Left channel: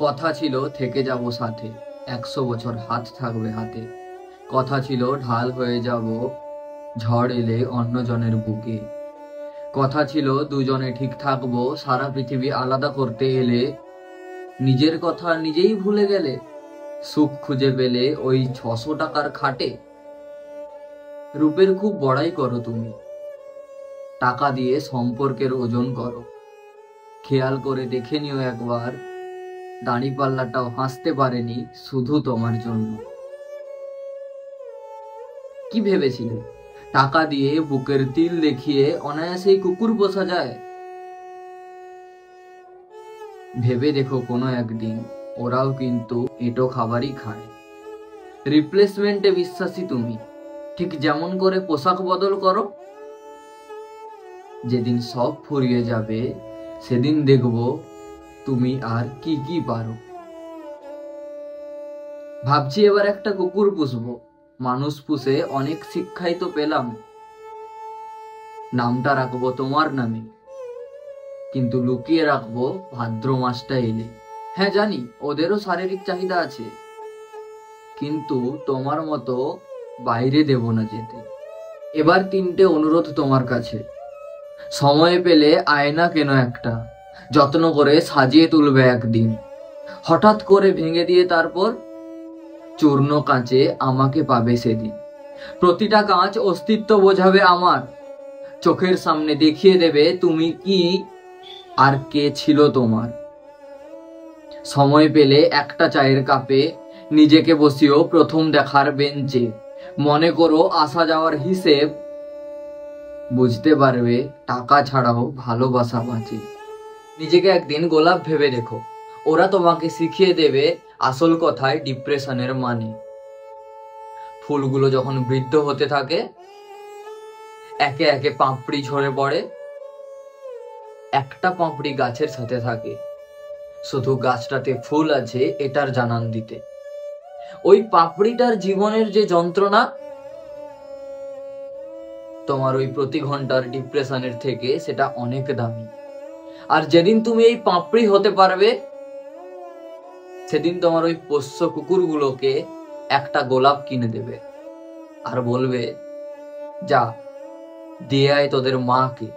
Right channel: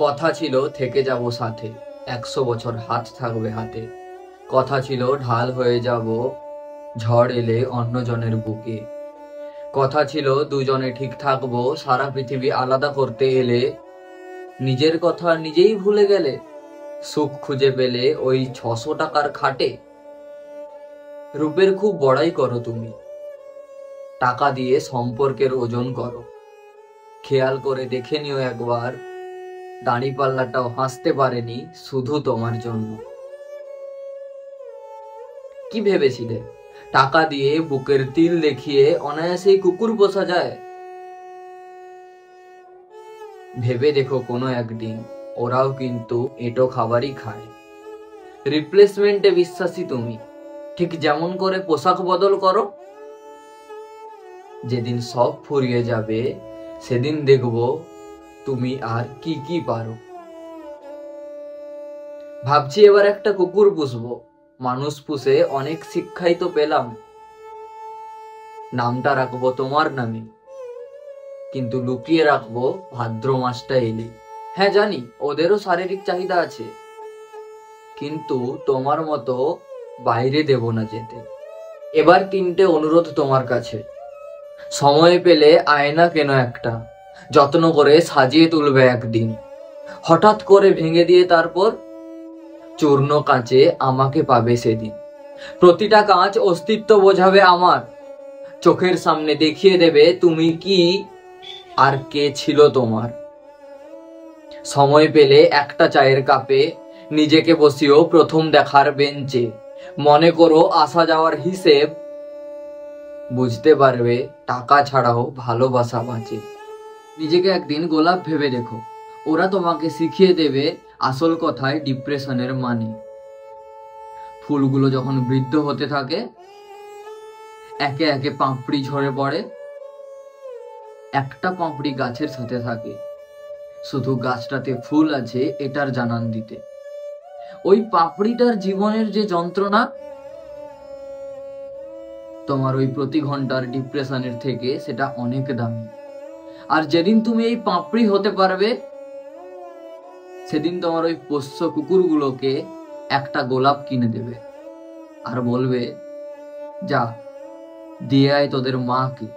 কথা ছিল থেকে যাব সাথে, 100 বছর হাত থাকবে হাতে। কথা ছিল ঢাল হয়ে যাব ঝড় এলে অন্যজনের বুকে। কথা ছিল দুজনে ঠিক থাকবো সারা পৃথিবী আলাদা করতে এলে। নিজের কথা নিজেই ভুলে গেলে, সুখ খুঁজে পেলে ওই 600 টাকার খাটে। রূপের খুব বড়াই করো তুমি, টাকা দিয়ে সম্পর্কের ওজন করো। খেয়াল করে দেখে নিও একবার, দাঁড়িপাল্লাটাও হাসতে পারেনি শুধু তোমার জন্য। কি ভেবেছিলে টাকা দিয়ে বুকের তিল দেখিয়ে অনায়াসেই কুকুর পোষা যায়? ভেবে দেখো কোনো একদিন ওরাও কিন্তু এঁটো খাবারই খায়। রিপ্লেসমেন্টে বিশ্বাসী তুমি, ঠিক যেমন করে পোশাক বদল করো। যেদিন সব ফুরিয়ে যাবে সেদিন দেখবো তুমি আর কি কি পারো। ভাবছি এবার একটা কুকুর পুষবো, মানুষ পুষে অনেক শিক্ষাই তো পেলাম। নামটা রাখবো তোমার নামে, কিন্তু লুকিয়ে রাখবো ভাদ্র মাসটা এলে। হ্যাঁ জানি ওদেরও শারীরিক চাহিদা আছে, কিন্তু তোমার মতো বাইরে দেব না যেতে। এবার 3টে অনুরোধ তোমার কাছে। সময় পেলে আয়না কেন একটা, যত্ন করে সাজিয়ে তুলবে একদিন। হঠাৎ করে ভেঙে দিয়ে তারপর চূর্ণ কাঁচে আমাকে পাবে সেদিন। প্রতিটা কাঁচ অস্তিত্ব বোঝাবে আমার, চোখের সামনে দেখিয়ে দেবে তুমি কি আর কে ছিল তোমার। সময় পেলে একটা চায়ের কাপে নিজেকে বসিও প্রথম দেখার বেঞ্চে। মনে করো আসা যাওয়ার হিসেব, বুঝতে পারবে টাকা ছাড়াও ভালোবাসা বাঁচে। নিজেকে একদিন গোলাপ ভেবে দেখো, ওরা তোমাকে শিখিয়ে দেবে আসল কথায় ডিপ্রেশনের মানে। ফুলগুলো যখন বৃদ্ধ হতে থাকে, একে একে পাপড়ি ঝরে পড়ে, একটা পাপড়ি গাছের সাথে থাকে, শুধু গাছটাতে ফুল আছে এটার জানান দিতে। ওই পাপড়িটার জীবনের যে যন্ত্রণা, তোমার ওই প্রতি ঘন্টার ডিপ্রেশনের থেকে সেটা অনেক দামি। আর যেদিন তুমি এই পাপড়ি হতে পারবে, সেদিন তোমার ওই পোষ্য কুকুরগুলোকে একটা গোলাপ কিনে দেবে আর বলবে, যা দিয়ে আয় তোদের মাকে।